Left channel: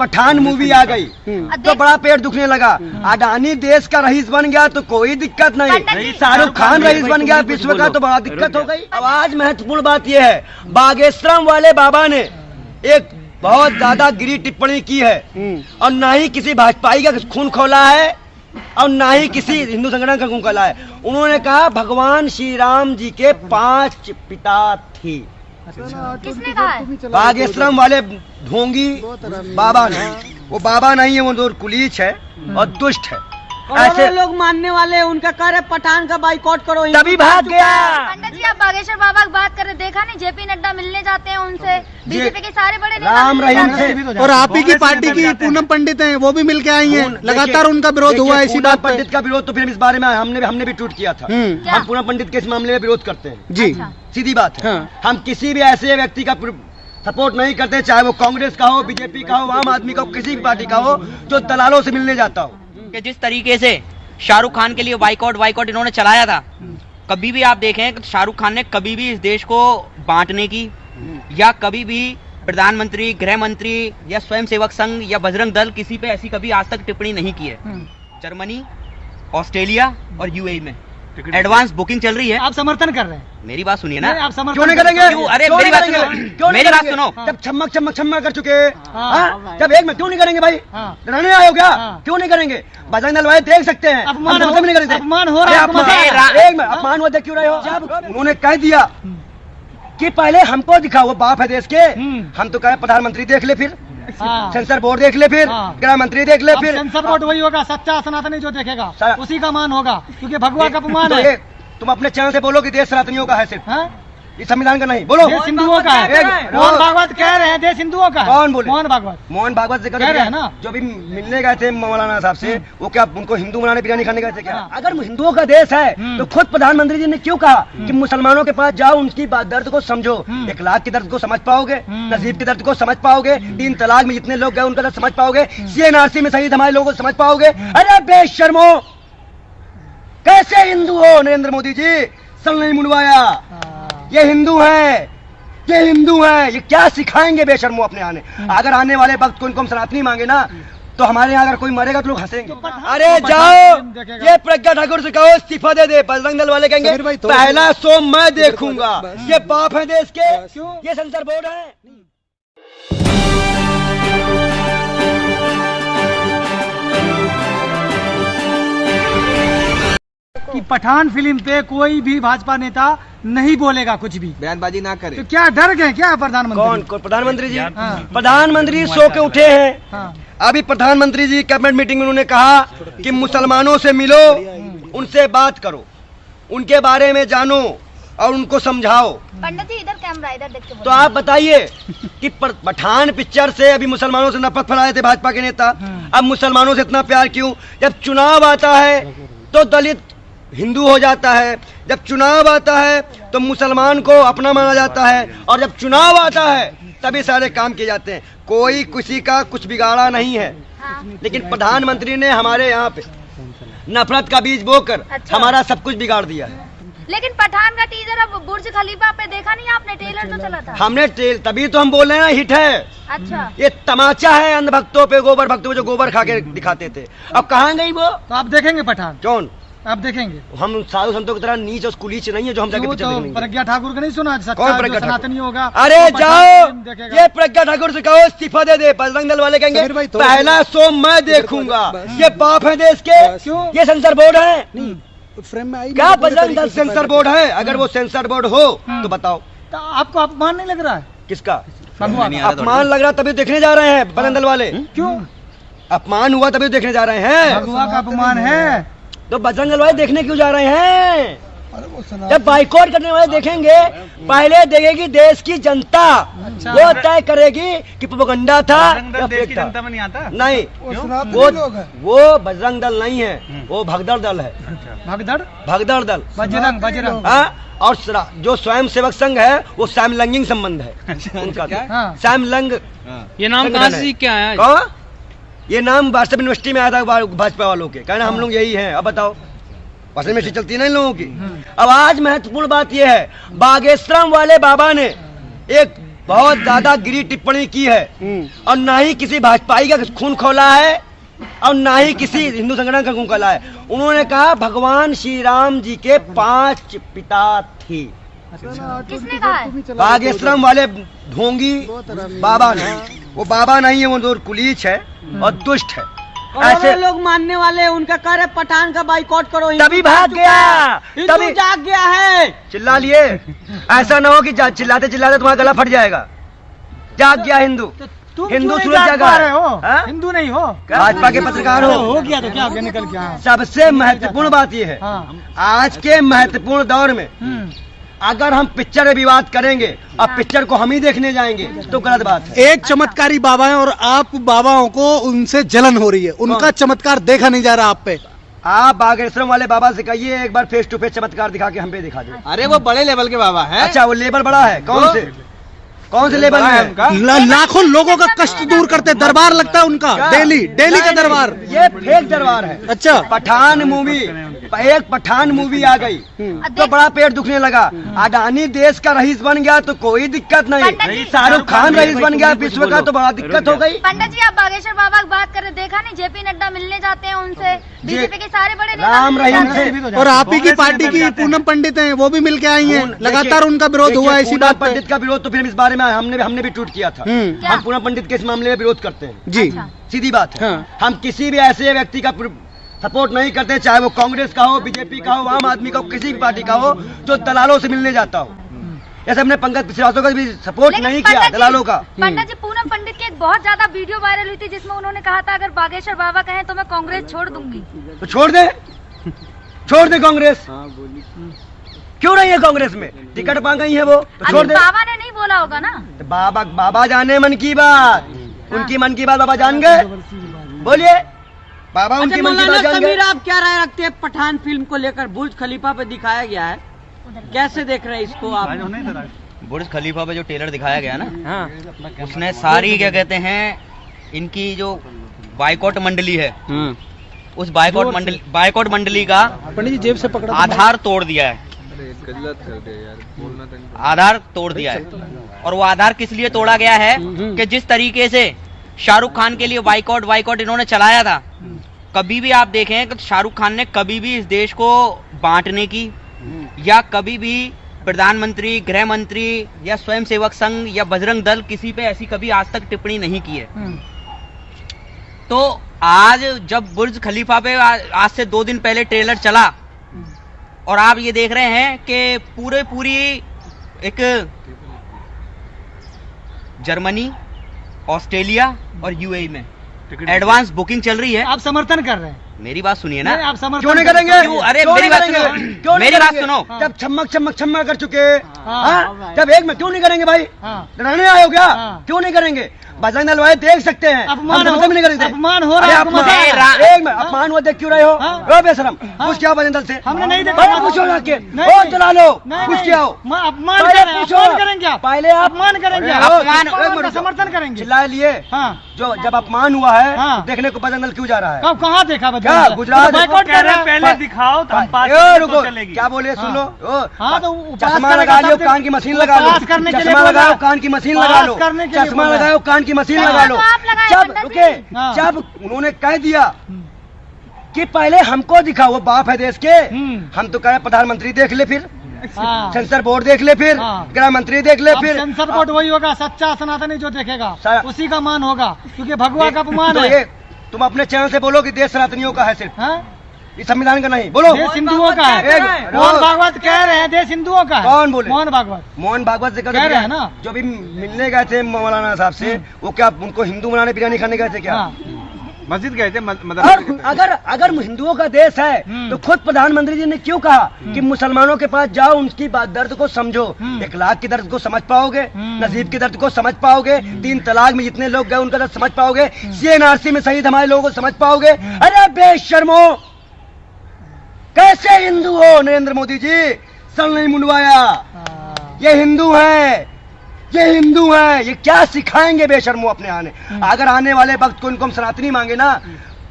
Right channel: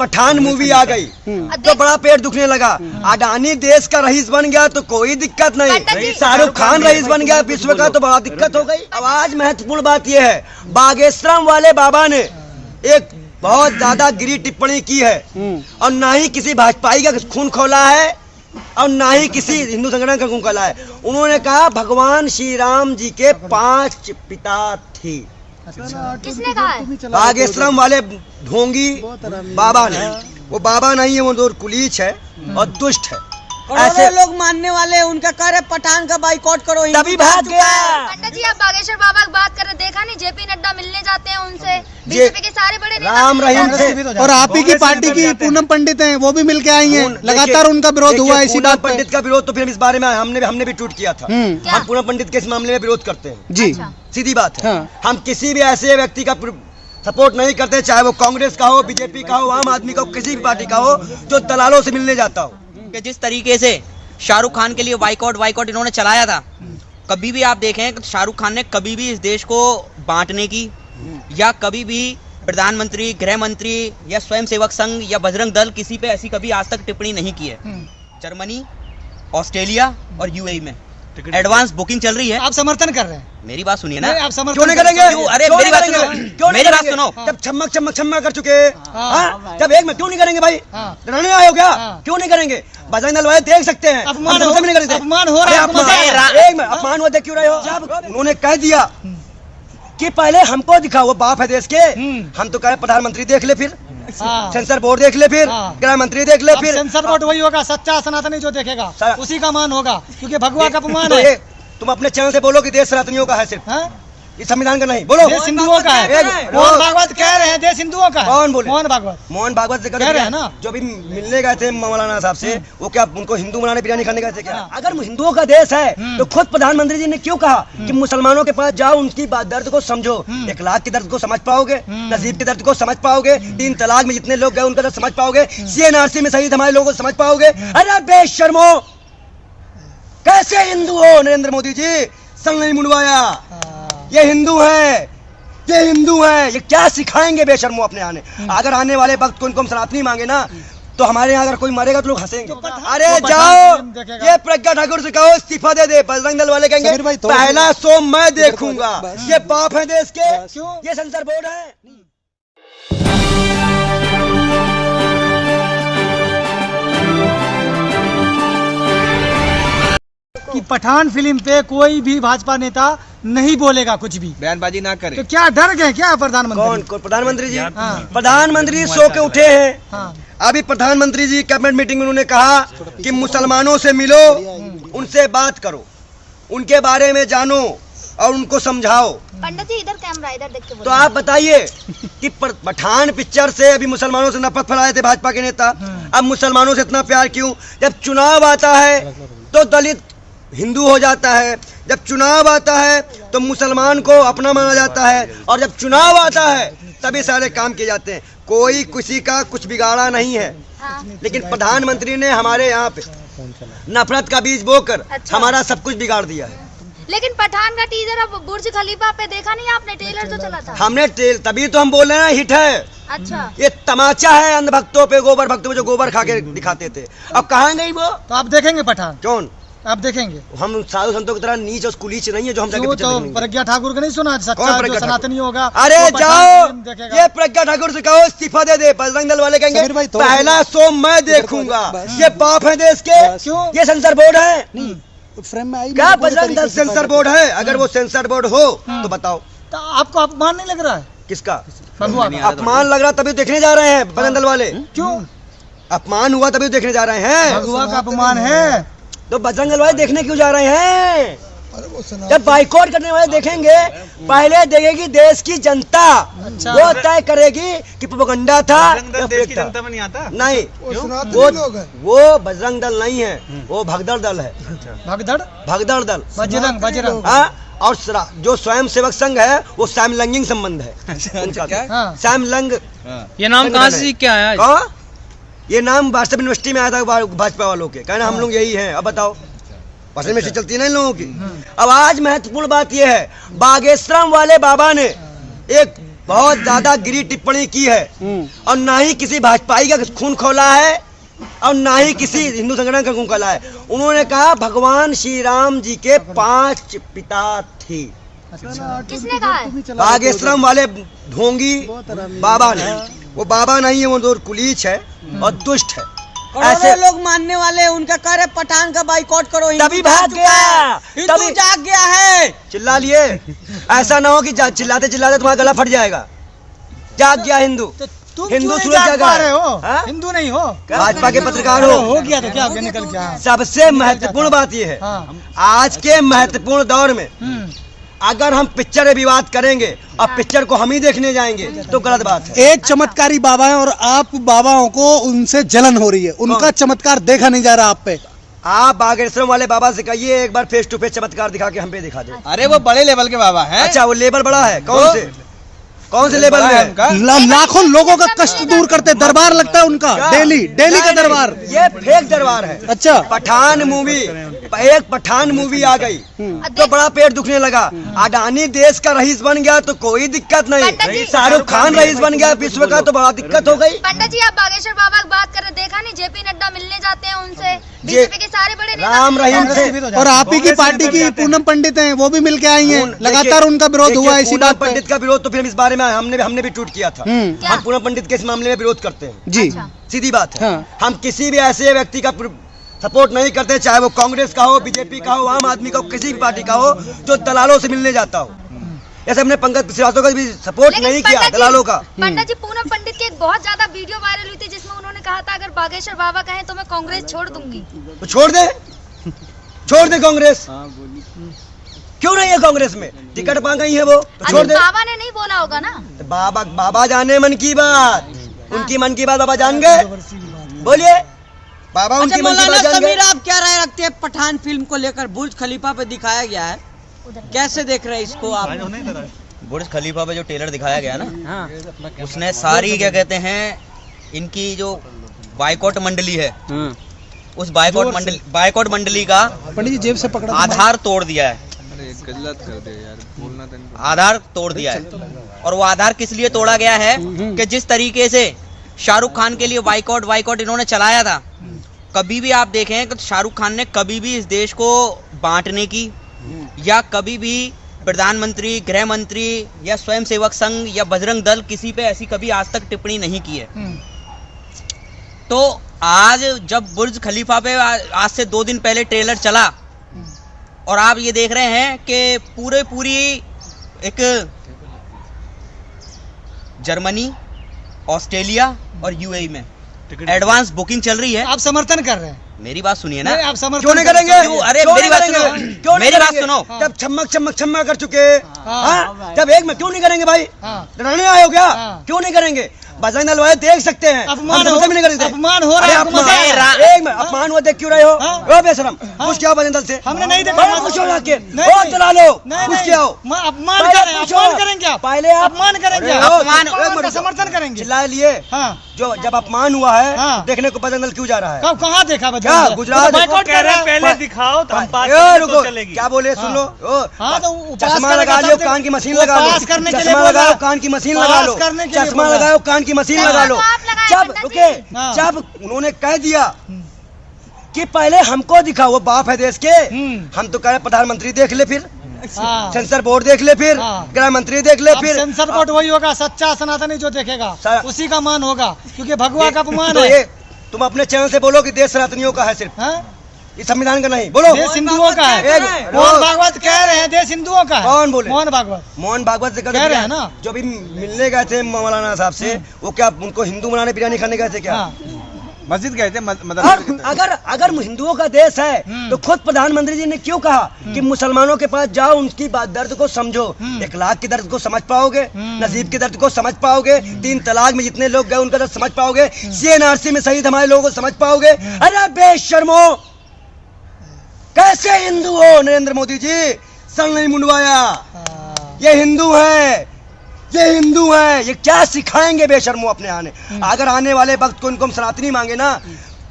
Pathan movie आ गई तो बड़ा पेट दुखने लगा। अडानी देश का रईस बन गया तो कोई दिक्कत नहीं, शाहरुख खान रईस बन गया विश्व का तो बड़ा दिक्कत हो गई। अब आज महत्वपूर्ण बात यह है, बागेश्वरम वाले बाबा ने एक बहुत ज्यादा गिरी टिप्पणी की है और ना ही किसी भाजपाई का खून खोला है और ना ही किसी हिंदू संगठन का खून खोला है। उन्होंने कहा भगवान श्री राम जी के 5 पिता थे। किसने कहा है? बागेश्वरम वाले ढोंगी बाबा ने, वो बाबा नहीं है, वो तो कुलीच है और दुष्ट है। ऐसे लोग मानने वाले उनका कह रहे पठान का बाइकआउट करो, तभी भाग गया। पंडित जी आप बागेश्वर बाबा की बात कर रहे, देखा नहीं जेपी नड्डा मिलने जाते हैं उनसे, बीजेपी के सारे बड़े राम रहीम थे। और आप ही की पार्टी की पूनम पंडित हैं, वो भी मिलके आई हैं, लगातार उनका विरोध हुआ है इसी पूनम बात पे। पंडित का विरोध तो फिर इस बारे में हमने भी ट्वीट किया था। हम पूनम पंडित के इस मामले में विरोध करते हैं जी, सीधी बात है। हम किसी भी ऐसे व्यक्ति का सपोर्ट नहीं करते, चाहे वो कांग्रेस का हो, बीजेपी का हो, आम आदमी का हो, किसी भी पार्टी का हो, जो दलालों से मिलने जाता हो। कि जिस तरीके से शाहरुख खान के लिए बाइकआउट इन्होंने चलाया था, कभी भी आप देखें कि शाहरुख खान ने कभी भी इस देश को बांटने की या कभी भी प्रधानमंत्री, गृह मंत्री या स्वयंसेवक संघ या बजरंग दल किसी पे ऐसी कभी आज तक टिप्पणी नहीं की है। जर्मनी, ऑस्ट्रेलिया और यूएई में एडवांस बुकिंग चल रही है। आप समर्थन कर रहे हैं? मेरी बात सुनिए ना। आप समर्थन क्यों नहीं करेंगे? अरे क्यों मेरी नहीं बात सुनो, करेंगे? क्यों नहीं मेरी बात करेंगे? सुनो। जब छम्मक कर चुके, जब एक में क्यों नहीं करेंगे भाई? डराने आए हो क्या? क्यों नहीं करेंगे? बजरंग दल वाले देख सकते हैं, अपमान हम नहीं करेंगे। अपमान हो रहा है। अपमान हुआ, देख क्यों रहे हो? जब उन्होंने कह दिया कि पहले हमको दिखा, वो बाप है देश के, हम तो कह रहे प्रधानमंत्री देख ले, फिर सेंसर बोर्ड देख ले, फिर गृह मंत्री देख ले, फिर सेंसर बोर्ड वही होगा, सच्चा सनातनी जो देखेगा उसी का मान होगा, क्योंकि भगवा का अपमान तो है। तुम अपने चैनल से बोलो कि देश सनातनियों का है सिर्फ, हाँ? ये संविधान का नहीं। बोलो देश हिंदुओं का है। मोहन भागवत कह रहे हैं देश हिंदुओं का है। कौन बोले? मोहन भागवत। मोहन भागवत से कह रहे हैं ना। जो भी मिलने गए थे मौलाना साहब से, वो क्या उनको हिंदू बनाने बिरयानी खाने गए थे क्या? अगर हिंदुओं का देश है तो खुद प्रधानमंत्री जी ने क्यों कहा कि मुसलमानों के पास जाओ, उनकी दर्द को समझो, 1 लाख के दर्द को समझ पाओगे, तहजीब के दर्द को समझ पाओगे, 3 तलाक में जितने लोग गए उनका दर्द समझ पाओगे, CNRC में शहीद हमारे लोगों को समझ पाओगे। अरे बेशर्मो, कैसे हिंदू हो नरेंद्र मोदी जी? सल नहीं मुंडवाया, ये हिंदू है, ये हिंदू है, ये क्या सिखाएंगे बेशर्मो अपने आने। अगर आने वाले वक्त को इनको हम सनातनी मांगे ना, तो हमारे यहाँ अगर कोई मरेगा तो लोग हंसेंगे। अरे जाओ, ये प्रज्ञा ठाकुर से कहो इस्तीफा दे दे। बजरंग दल वाले कहेंगे पहला शो मैं देखूंगा। ये बाप है देश के, ये सेंसर बोर्ड है। कि पठान फिल्म पे कोई भी भाजपा नेता नहीं बोलेगा, कुछ भी बयानबाजी ना करे। तो क्या डर गए क्या प्रधानमंत्री? कौन प्रधानमंत्री जी? प्रधानमंत्री सो के उठे हैं। अभी प्रधानमंत्री जी कैबिनेट मीटिंग में उन्होंने कहा कि मुसलमानों से मिलो, उनसे बात करो, उनके बारे में जानो और उनको समझाओ। पंडित जी इधर कैमरा, इधर देख के तो आप बताइए कि पठान पिक्चर से अभी मुसलमानों से नफरत फैलाए थे भाजपा के नेता, अब मुसलमानों से इतना प्यार क्यों? जब चुनाव आता है तो दलित हिंदू हो जाता है, जब चुनाव आता है तो मुसलमान को अपना माना जाता है, और जब चुनाव आता है तभी सारे काम किए जाते हैं। कोई किसी का कुछ बिगाड़ा नहीं है, लेकिन प्रधानमंत्री ने हमारे यहाँ पे नफरत का बीज बोकर हमारा सब कुछ बिगाड़ दिया है। लेकिन पठान का टीजर अब बुर्ज खलीफा पे देखा नहीं आपने? ट्रेलर जो चला था हमने तभी तो हम बोल रहे हैं ना, हिट है। अच्छा, ये तमाचा है अंधभक्तों पे, गोबर भक्तों पे जो गोबर खा के दिखाते थे। अब कहाँ गई वो? तो आप देखेंगे पठान? कौन? आप देखेंगे? हम साधु संतों की तरह नीच और कुलीच नहीं है जो हम जाके पिक्चर तो देखेंगे। प्रज्ञा ठाकुर का नहीं सुना? कौन प्रज्ञा ठाकुर? सनातनी होगा। अरे तो जाओ, पठान फिल्म देखेगा। ये प्रज्ञा ठाकुर से कहो इस्तीफा दे दे। बजरंग दल वाले कहेंगे पहला शो मैं देखूंगा। ये बाप है देश के, ये सेंसर बोर्ड है। क्या बजरंग दल सेंसर बोर्ड है? अगर वो सेंसर बोर्ड हो तो बताओ। तो आपको अपमान नहीं लग रहा है? किसका भगवान? अपमान लग रहा तभी देखने जा रहे हैं बजरंग दल वाले। क्यों अपमान हुआ तभी देखने जा रहे हैं। भगवा का अपमान है तो बजरंग दल वाले देखने क्यों जा रहे हैं? जब बाइकआउट करने वाले देखेंगे, पहले देखेगी देश की जनता। वो तय करेगी कि प्रोपगंडा था या फेक था। जनता में नहीं आता? नहीं, वो बजरंग दल नहीं है, वो भगदड़ दल है। भगदड़ दल, बजरंग। हाँ, और जो स्वयं सेवक संघ है वो सैमलंगिंग संबंध है उनका। सैमलंग ये नाम कहाँ से क्या है? कौन? ये नाम वाट्सएप यूनिवर्सिटी में आया था भाजपा वालों के, कहना हम लोग यही हैं। अब बताओ, वाट्सएप यूनिवर्सिटी चलती है ना इन लोगों की। अब आज महत्वपूर्ण बात यह है, बागेश्वरम वाले बाबा ने एक बहुत ज्यादा गिरी टिप्पणी की है और ना ही किसी भाजपाई का खून खोला है और ना ही किसी हिंदू संगठन का खून खोला है। उन्होंने कहा भगवान श्री राम जी के 5 पिता थे। किसने कहा है? बागेश्वरम वाले ढोंगी बाबा ने, वो बाबा नहीं है, वो तो कुलीच है और दुष्ट है। ऐसे लोग मानने वाले उनका कह रहे पठान का बाइकआउट करो, तभी भाग गया, तभी जाग गया है। चिल्ला लिए, ऐसा ना हो कि चिल्लाते चिल्लाते तुम्हारा गला फट जाएगा। जाग गया हिंदू, हिंदू सूरज जागा है। हाँ? हिंदू नहीं हो, भाजपा के पत्रकार हो गया तो क्या आगे निकल गया। सबसे महत्वपूर्ण बात यह है, आज के महत्वपूर्ण दौर में अगर हम पिक्चर में विवाद करेंगे और पिक्चर को हम ही देखने जाएंगे तो गलत बात है। एक चमत्कारी बाबा है और आप बाबाओं को उनसे जलन हो रही है, उनका चमत्कार देखा नहीं जा रहा आप पे। आप बागेश्वरम वाले बाबा से कहिए एक बार फेस टू फेस चमत्कार दिखा के हम पे दिखा दे। अरे वो बड़े लेवल के बाबा है। अच्छा, वो लेवल बड़ा है, कौन से लेवल में है? लाखों लोगों का कष्ट दूर करते दरबार लगता है उनका, डेली का दरबार। ये फेक दरबार है। अच्छा, पठान मूवी, एक पठान मूवी आ गई तो बड़ा पेट दुखने लगा। अडानी देश का रईस बन गया तो कोई दिक्कत नहीं, शाहरुख खान रईस बन गया विश्व का तो बड़ा दिक्कत हो गई। पंडित जी, आप बागेश्वर बाबा की बात कर रहे, देखा नहीं जेपी नड्डा मिलने जाते हैं उनसे, बीजेपी के सारे बड़े नेता राम रहीम थे। और आप ही की पार्टी की पूनम पंडित हैं, वो भी मिलके आई हैं, लगातार उनका विरोध हुआ है इसी बात पे। पंडित का विरोध तो फिर इस बारे में हमने भी ट्वीट किया था। हम पूनम पंडित के इस मामले में विरोध करते हैं जी, सीधी बात है। हम किसी भी ऐसे व्यक्ति का सपोर्ट नहीं करते, चाहे वो कांग्रेस का हो, बीजेपी का हो, आम आदमी का हो, किसी भी पार्टी का हो, जो दलालों से मिलने जाता हो। जैसे हमने पंकज श्रीवास्तव का भी सपोर्ट नहीं किया दलालों का। पंडित जी, पूनम पंडित की एक बहुत ज्यादा वीडियो वायरल हुई थी जिसमें उन्होंने कहा था अगर बागेश्वर बाबा कहें तो मैं कांग्रेस छोड़ दूंगी। तो छोड़ दे कांग्रेस। क्यों नहीं है कांग्रेस में? टिकट पा गई है वो, तो छोड़ दे। बाबा ने नहीं बोला होगा ना। तो बाबा जाने मन की बात, उनकी मन की बात बाबा जान गए। बोलिए, बाबा उनकी मन की बात जान गए। आप क्या राय रखते हैं पठान फिल्म को लेकर? बुर्ज खलीफा पे दिखाया गया है, कैसे देख रहे हैं इसको आप? बुर्ज खलीफा पे जो ट्रेलर दिखाया गया ना, उसने सारी क्या कहते हैं इनकी जो बाइकआउट मंडली है, उस बाइकआउट मंडली का पंडित जी जेब से पकड़ा आधार तोड़ दिया है। आधार तोड़ दिया है, और वो आधार किस लिए तोड़ा गया है कि जिस तरीके से शाहरुख खान के लिए बाइकआउट इन्होंने चलाया था, कभी भी आप देखें कि शाहरुख खान ने कभी भी इस देश को बांटने की या कभी भी प्रधानमंत्री, गृह मंत्री या स्वयंसेवक संघ या बजरंग दल किसी पे ऐसी कभी आज तक टिप्पणी नहीं की है। तो आज जब बुर्ज खलीफा पे आज से 2 दिन पहले ट्रेलर चला और आप ये देख रहे हैं कि पूरी एक जर्मनी, ऑस्ट्रेलिया और यूएई में एडवांस बुकिंग चल रही है। आप समर्थन कर रहे हैं? मेरी बात सुनिए ना। आप समर्थन क्यों नहीं करेंगे? क्यों? अरे मेरी बात सुनो, मेरी बात सुनो। जब छम्मक कर चुके, जब एक में क्यों नहीं करेंगे भाई? डराने आए हो क्या? क्यों नहीं करेंगे? बजरंग दल वाले देख सकते हैं, अपमान हम नहीं करेंगे। अपमान हो रहा है। अपमान हुआ, देख क्यों रहे हो? बेशरम, कुछ क्या बजरंग दल से? हमने नहीं देखा। पूछो जाके, ओ चला लो, कुछ क्या हो? अपमान करेंगे आप? पहले आप अपमान करेंगे, अपमान समर्थन करेंगे। चिल्ला लिए। जो जब अपमान हुआ है हाँ। देखने को बजरंग दल क्यों जा रहा है? कहाँ देखा? क्या गुजरात पहले दिखाओ तो रुको, क्या बोले? सुन लो, चश्मा लगा लो, कान की मशीन लगा लो, चश्मा लगाओ, कान की मशीन लगा लो, चश्मा लगाओ, कान की मशीन लगा लो। जब रुके, जब उन्होंने कह दिया कि पहले हमको दिखाओ, वो बाप है देश के, हम तो कह रहे प्रधानमंत्री देख ले, फिर सेंसर बोर्ड देख ले, फिर गृह मंत्री देख ले, फिर सेंसर बोर्ड वही होगा, सच्चा सनातनी जो देखेगा उसी का मान होगा, क्योंकि भगवा का अपमान तो है। ये तुम अपने चैनल से बोलो कि देश सनातनियों का है, सिर्फ इस संविधान का नहीं। बोलो देश हिंदुओं का है। मोहन भागवत कह रहे हैं देश हिंदुओं का है। कौन बोले? मोहन भागवत से कह रहे हैं ना। जो भी मिलने गए थे मौलाना साहब से, वो क्या उनको हिंदू बनाने बिरयानी खाने गए थे क्या? मस्जिद गए थे। अगर हिंदुओं का देश है तो खुद प्रधानमंत्री जी ने क्यों कहा कि मुसलमानों के पास जाओ, उनकी दर्द को समझो। 1 लाख के दर्द को समझ पाओगे, नजीब के दर्द को समझ पाओगे, 3 तलाक में जितने लोग गए उनका दर्द समझ पाओगे, CNRC में शहीद हमारे लोगों को समझ पाओगे। अरे बेशर्मो, कैसे हिंदू हो नरेंद्र मोदी जी? सल नहीं मुंडवाया, ये हिंदू है, ये क्या सिखाएंगे बेशर्मो अपने आने? अगर आने वाले वक्त को इनको हम सनातनी मांगे ना,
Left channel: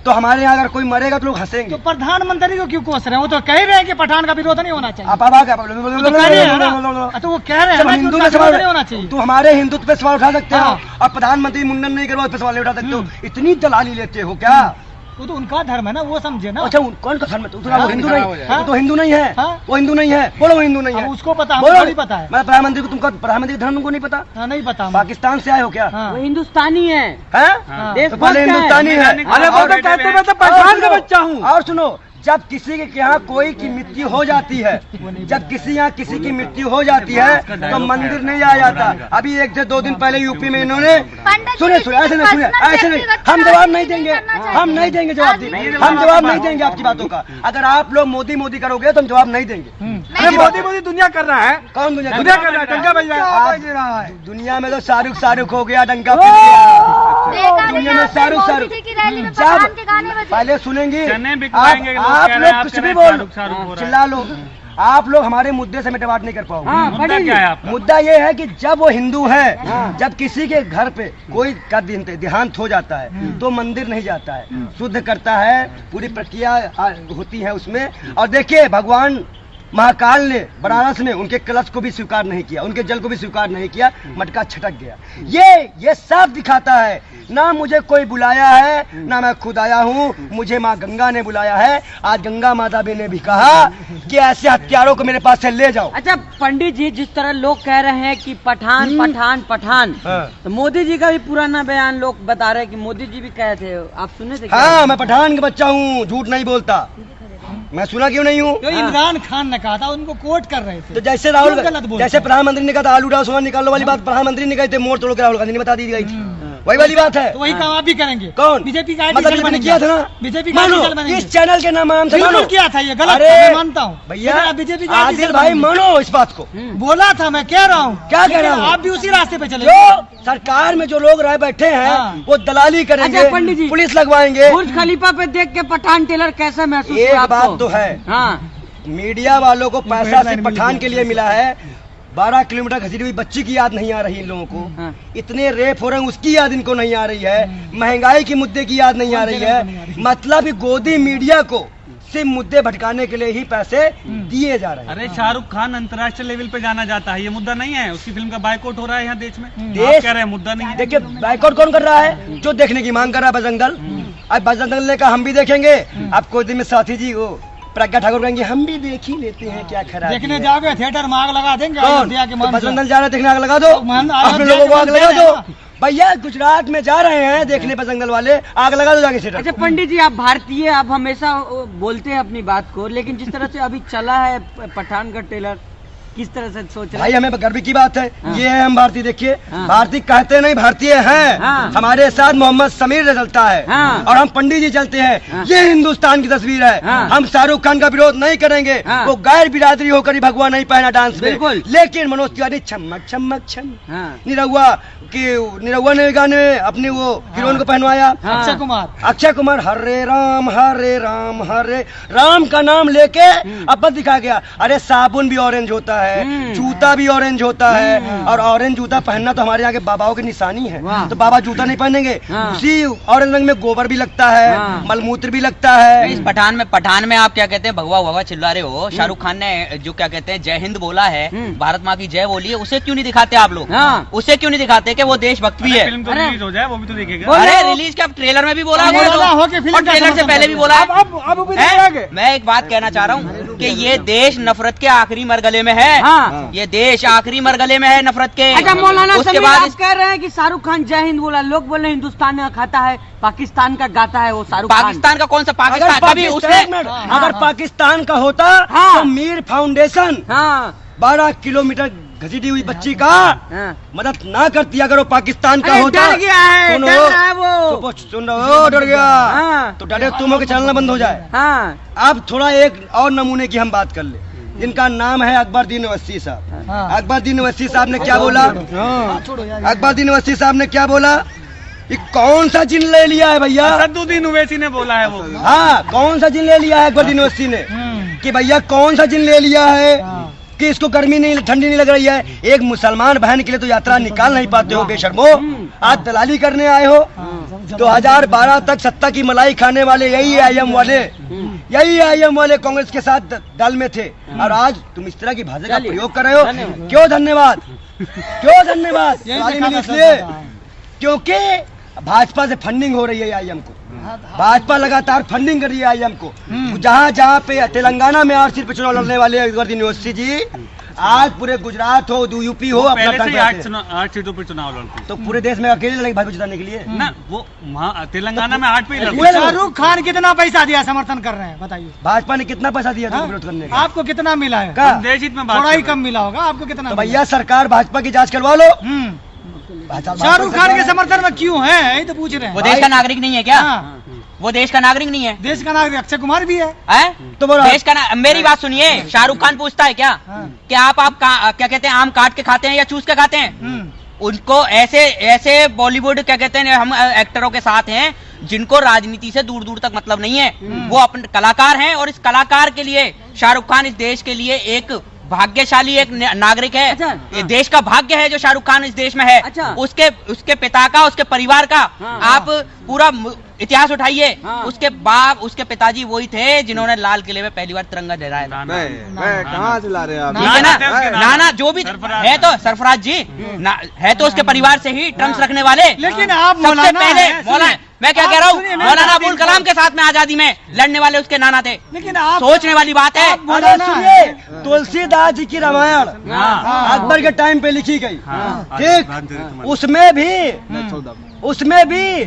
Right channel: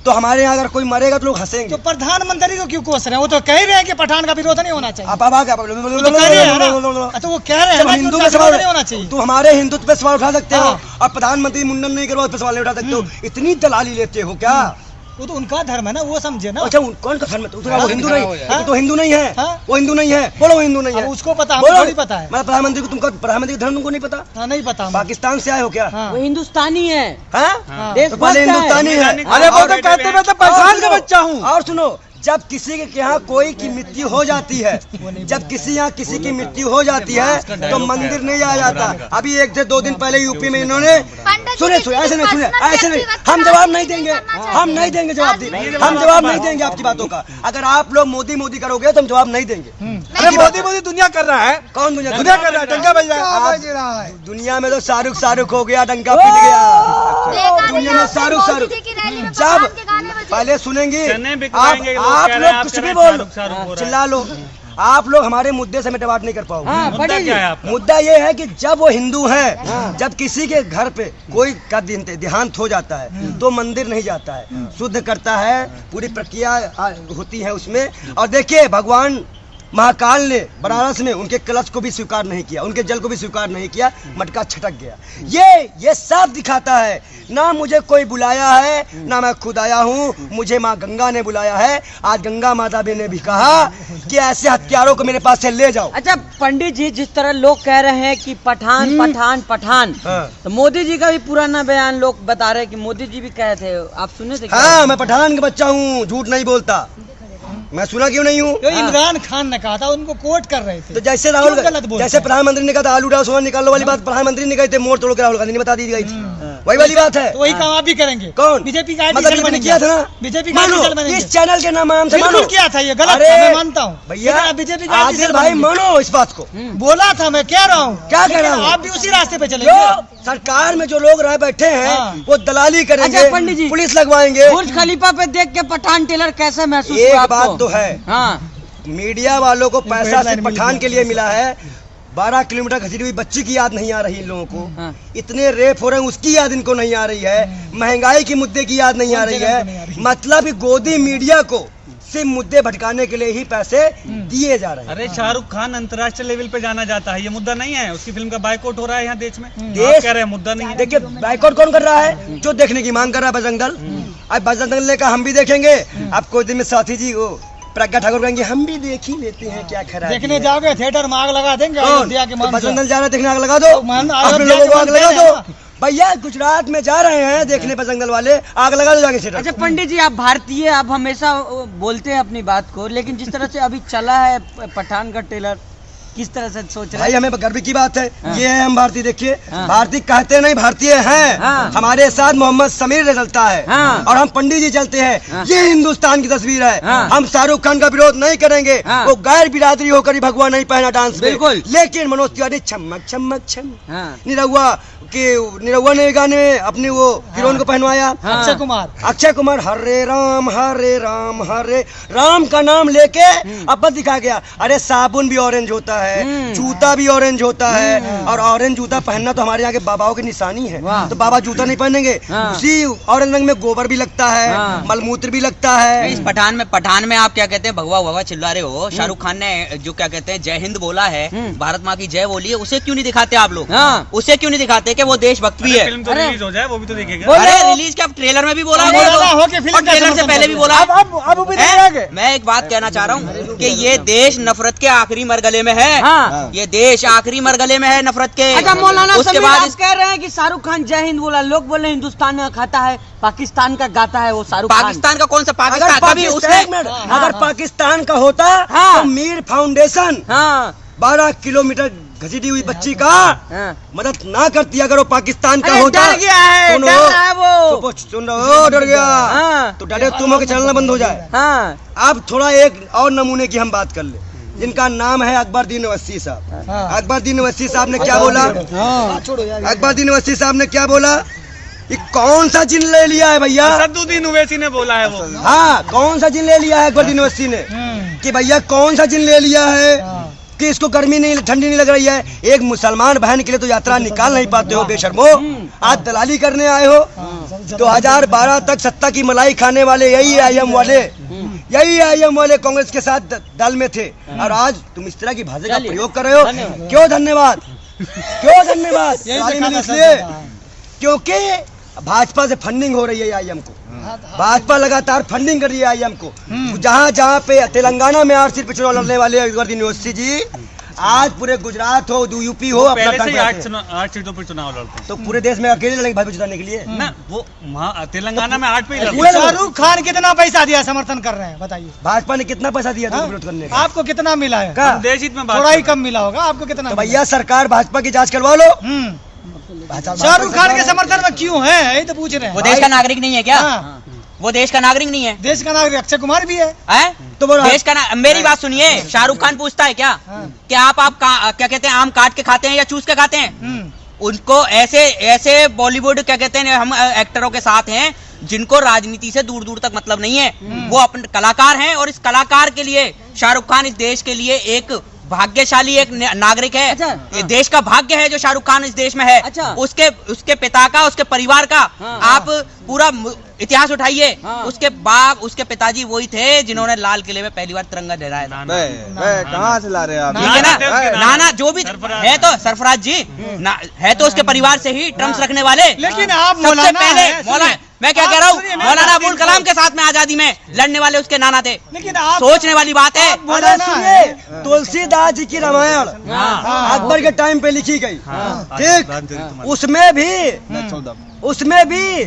तो हमारे यहाँ अगर कोई मरेगा तो लोग हंसेंगे। तो प्रधानमंत्री को क्यों कोस रहे हैं? वो तो कह ही रहे हैं कि पठान का विरोध नहीं होना चाहिए। आप आवाज वो तो कह रहे हैं ना। तो वो कह रहे हैं जब ना कि हिंदू उनका पे विरोध नहीं होना सवाल, चाहिए। तो हमारे हिंदुत्व पे सवाल उठा सकते हो हाँ। और प्रधानमंत्री मुंडन नहीं करवा उस पे सवाल नहीं उठा सकते हो। इतनी दलाली लेते हो क्या? वो तो उनका धर्म है ना, वो समझे ना। अच्छा कौन का धर्म है? वो हिंदू दिखाया नहीं, हो जाए। वो तो हिंदू नहीं है, हाँ? वो हिंदू नहीं है। बोलो वो हिंदू नहीं है। हाँ, उसको पता, बोलो। हमको थोड़ी पता है। मैं प्रधानमंत्री को, तुमको प्रधानमंत्री का धर्म तुमको नहीं पता? हाँ, नहीं पता हमको। पाकिस्तान से आए हो क्या? हाँ। वो हिंदुस्तानी है। हाँ? हाँ। देश तो पहले भक्त है। हिंदुस्तानी है। अरे वो और- तो कहते मैं तो और पठान का सुनो, बच्चा हूँ। और सुनो, जब किसी के यहाँ कोई की मृत्यु हो जाती है, जब किसी यहाँ किसी की मृत्यु हो जाती है तो मंदिर नहीं आया जाता। अभी 1 से 2 दिन पहले यूपी में इन्होंने सुने ऐसे नहीं, हम जवाब नहीं देंगे, हम नहीं देंगे जवाब, हम जवाब नहीं देंगे आपकी बातों का। अगर आप लोग मोदी करोगे तो हम जवाब नहीं देंगे। अरे मोदी दुनिया कर रहा है, कौन दुनिया दुनिया कर रहा है, डंका बज रहा है। आप दुनिया में तो शाहरुख हो गया, डंका पिट गया। दुनिया में शाहरुख जब पहले सुनेंगे आप लोग कुछ भी बोल चिल्ला लो, आप लोग हमारे मुद्दे से मिटवाट नहीं कर पाओगे। हाँ, मुद्दा क्या है आपका? मुद्दा ये है कि जब वो हिंदू है, जब किसी के घर पे कोई का देहांत हो जाता है तो मंदिर नहीं जाता है, शुद्ध करता है, पूरी प्रक्रिया होती है उसमें। और देखिए भगवान महाकाल ने बनारस में उनके कलश को भी स्वीकार नहीं किया, उनके जल को भी स्वीकार नहीं किया, मटका छटक गया। ये साफ दिखाता है ना मुझे कोई बुलाया है ना मैं खुद आया हूँ, मुझे माँ गंगा ने बुलाया है। आज गंगा माता ने भी कहा कि ऐसे हथियारों को मेरे पास से ले जाओ। अच्छा पंडित जी, जिस तरह लोग कह रहे हैं कि पठान पठान पठान, हाँ। तो मोदी जी का भी पुराना बयान लोग बता रहे हैं कि मोदी जी भी कहे थे, आप सुने थे क्या? हाँ, मैं पठान का बच्चा हूँ, झूठ नहीं बोलता। मैं सुना क्यों नहीं हूँ? जो इमरान खान ने कहा था उनको कोट कर रहे थे। तो जैसे राहुल, क्यों गलत बोलते हैं? जैसे प्रधानमंत्री ने कहा था आलू डाल सोना निकालो वाली बात प्रधानमंत्री ने कही थी, मोड़ तोड़ के राहुल गांधी ने बता दी गई थी, वही वाली बात है। तो वही काम आप भी करेंगे। कौन? बीजेपी का मतलब बीजेपी किया था ना? बीजेपी का मानो आर्टिकल इस चैनल के नाम से मानो किया था, ये गलत अरे था, मैं मानता हूँ। भैया लेकिन आप बीजेपी का आदिल आर्टिकल भाई बनेंगे। मानो इस बात को, बोला था, मैं कह रहा हूँ। क्या कह रहा लेकिन हूँ? आप भी उसी रास्ते पे चले। जो सरकार में जो लोग रह बैठे हैं हाँ। वो दलाली करेंगे, अच्छा, पंडित जी। पुलिस लगवाएंगे। बुर्ज खलीफा पे देख के पठान टेलर कैसे महसूस हुआ एक आपको? बात तो है, हाँ, मीडिया वालों को पैसा सिर्फ पठान के लिए मिला है। 12 किलोमीटर घसीटी हुई बच्ची की याद नहीं आ रही इन लोगों को, हाँ। इतने रेप हो रहे हैं उसकी याद इनको नहीं आ रही है, महंगाई की मुद्दे की याद नहीं आ रही है। मतलब कि गोदी मीडिया को सिर्फ मुद्दे भटकाने के लिए ही पैसे दिए जा रहे हैं। अरे शाहरुख खान अंतर्राष्ट्रीय लेवल पे जाना जाता है, ये मुद्दा नहीं है? उसकी फिल्म का बायकॉट हो रहा है यहाँ देश में, आप कह रहे हैं मुद्दा नहीं है। देखिए बाइकआउट कौन कर रहा है? जो देखने की मांग कर रहा है बजरंग दल। अब बजरंग दल ने कहा हम भी देखेंगे, अब कुछ दिन में साथी जी वो प्रज्ञा ठाकुर कहेंगे हम भी देख ही लेते हैं क्या खराब देखने जाओगे थिएटर में आग लगा देंगे। कौन? अयोध्या के तो मान बजरंग दल जा रहे हैं देखने, आग लगा दो, मान- अपने अयोध्या लोगों को के आग मान लगा दे रहे दो। भैया गुजरात में जा रहे हैं देखने बजरंग दल वाले, आग लगा दो जाके थिएटर अच्छा को। पंडित जी, आप भारतीय, आप हमेशा बोलते हैं अपनी बात को, लेकिन जिस तरह से अभी चला है पठान का टेलर, किस तरह से सोच रहे भाई हैं? हमें गर्व की बात है, हाँ। ये है हम भारतीय। देखिए हाँ। भारतीय कहते नहीं, भारतीय हैं। हाँ। हमारे साथ मोहम्मद समीर चलता है हाँ। और हम पंडित जी चलते हैं। हाँ। ये हिंदुस्तान की तस्वीर है। हाँ। हम शाहरुख खान का विरोध नहीं करेंगे, हाँ। वो गैर बिरादरी होकर ही भगवान नहीं पहना डांस में। बिल्कुल। लेकिन मनोज तिवारी छमक छमक छम हाँ। निरहुआ ने गाने में अपनी वो हीरोइन को पहनवाया। हाँ। अक्षय कुमार हरे राम हरे राम का नाम लेके अब बस दिखा गया। अरे साबुन भी ऑरेंज होता है, जूता भी ऑरेंज होता है, और ऑरेंज जूता पहनना तो हमारे यहाँ के बाबाओं की निशानी है। वाह। तो बाबा जूता नहीं पहनेंगे, हाँ। उसी ऑरेंज रंग में गोबर भी लगता है, हाँ। मलमूत्र भी लगता है। इस पठान में आप क्या कहते हैं, भगवा भगवा चिल्ला रहे हो? शाहरुख खान ने जो क्या कहते हैं जय हिंद बोला है, भारत माँ की जय बोली है, उसे क्यों नहीं दिखाते आप लोग? हाँ। उसे क्यों नहीं दिखाते कि वो देशभक्त भी है? फिल्म तो अरे। रिलीज हो जाए, वो भी तो देखेगा। अरे रिलीज क्या, ट्रेलर में भी बोला है, ट्रेलर बोल हो दो। के फिल्म और ट्रेलर से पहले भी बोला है। अब भी हैं? देखेंगे। मैं एक बात कहना चाह रहा हूँ कि ये देश नफरत के आखिरी मरगले में है। हाँ। ये देश आखिरी मरगले में है नफरत के। अच्छा मौलाना उसके समीर, बाद आप कह रहे हैं कि शाहरुख खान जय हिंद बोला, लोग बोल रहे हैं हिंदुस्तान का खाता है, पाकिस्तान का गाता है वो शाहरुख खान। पाकिस्तान का कौन सा अगर पाकिस्तान? कभी उसने अगर पाकिस्तान का होता हाँ। तो मीर फाउंडेशन हाँ। 12 किलोमीटर घसीटी हुई बच्ची का हाँ। मदद ना करती अगर वो पाकिस्तान का अरे होता। डर गया है, सुनो, डर रहा है वो। तो सुन रहो, डर गया हाँ। तो डरे तुम हो के चलना बंद हो जाए। हाँ। अब थोड़ा एक और नमूने की हम बात कर ले, जिनका नाम है अकबरदीन अवस्थी साहब। हाँ। अकबरदीन अवस्थी साहब ने क्या बोला? छोड़ो यार। अकबरदीन अवस्थी साहब ने क्या बोला? ये कौन सा जिन ले लिया है भैया? असदुद्दीन ओवैसी ने बोला है वो। हाँ, कौन सा जिन ले लिया है अकबरदीन अवस्थी ने? कि भैया कौन सा जिन ले लिया है कि इसको गर्मी नहीं, ठंडी नहीं लग रही है? एक मुसलमान बहन के लिए तो यात्रा निकाल नहीं पाते हो बेशर्मो, आज दलाली करने आए हो। 2012 तक सत्ता की मलाई खाने वाले यही आईएम वाले कांग्रेस के साथ दल में थे, और आज तुम इस तरह की भाषा का प्रयोग कर रहे हो। क्यों धन्यवाद? इसलिए क्योंकि भाजपा से फंडिंग हो रही है आईएम को, भाजपा लगातार फंडिंग कर रही है आईएम को। जहाँ पे तेलंगाना में 8 सीट पे चुनाव लड़ने वाले अकबरुद्दीन यूनिवर्सिटी जी, आज पूरे गुजरात हो, यूपी हो, अपना पहले से 8 सीटों पर चुनाव लड़ते तो पूरे देश में अकेले लड़ेंगे भाजपा जिताने के लिए ना, वो तेलंगाना में 8 पे ही लड़ते। शाहरुख खान कितना पैसा दिया, समर्थन कर रहे हैं, बताइए। भाजपा ने कितना पैसा दिया था विरोध करने का? आपको कितना मिला है? का देश हित में बात थोड़ा ही कर रहे कम मिला होगा, आपको कितना तो मिला? भैया सरकार भाजपा की जांच करवा लो। शाहरुख खान के समर्थन में क्यों है, यही तो पूछ रहे हैं। वो देश का नागरिक नहीं है क्या? हाँ, वो देश का नागरिक नहीं है? देश का नागरिक अक्षय कुमार भी है। तो बोलो देश का मेरी बात सुनिए, शाहरुख खान पूछता है क्या कि आप क्या कहते हैं, आम काट के खाते हैं या चूस के खाते हैं? उनको ऐसे बॉलीवुड क्या कहते हैं, हम एक्टरों के साथ हैं जिनको राजनीति से दूर दूर तक मतलब नहीं है। वो अपने कलाकार हैं, और इस कलाकार के लिए शाहरुख खान इस देश के लिए एक भाग्यशाली एक नागरिक है। अच्छा। ये देश का भाग्य है जो शाहरुख खान इस देश में है। अच्छा। उसके पिता का, उसके परिवार का आप पूरा इतिहास उठाइए। उसके पिताजी वही थे जिन्होंने लाल किले में पहली बार तिरंगा लहराया था। कहाँ से ला रहे हैं आप? ठीक है ना, जो भी है तो सरफराज जी है तो उसके परिवार से ही ट्रम्प्स रखने वाले। लेकिन आप सबसे मौलाना पहले हैं, सुनिए। मैं क्या कह रहा हूँ, सुनिए, मैं मौलाना बात अबुल कलाम के साथ में आजादी में लड़ने वाले उसके नाना थे। लेकिन आप सोचने वाली बात है। अरे सुनिए, तुलसीदास जी की रामायण अकबर के टाइम पे लिखी गई, ठीक, उसमें भी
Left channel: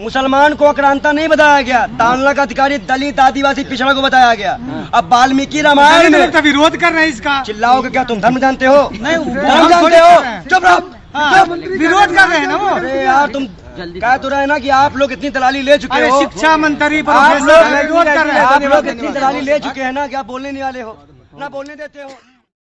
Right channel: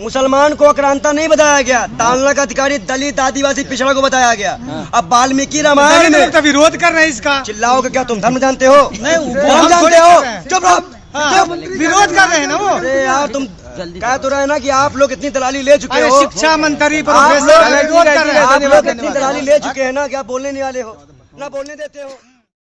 मुसलमान को आक्रांता नहीं बताया गया, तांलक अधिकारी, दलित, आदिवासी, पिछड़ा को बताया गया। अब वाल्मीकि रामायण में तो विरोध कर रहे हैं इसका। चिल्लाओगे क्या? तुम धर्म जानते हो? धर्म हम जानते थोड़ी हो? कर रहे हैं। चुप रहो, हाँ, चुप। विरोध कर रहे हैं ना वो। अरे यार, तुम कह तो रहे ना कि आप लोग इतनी दलाली ले चुके अरे हो, शिक्षा मंत्री आप प्रोफेसर लोग विरोध कर रहे हैं। आप लोग इतनी दलाली ले चुके हैं ना कि आप बोलने नहीं वाले हो, ना बोलने देते हो।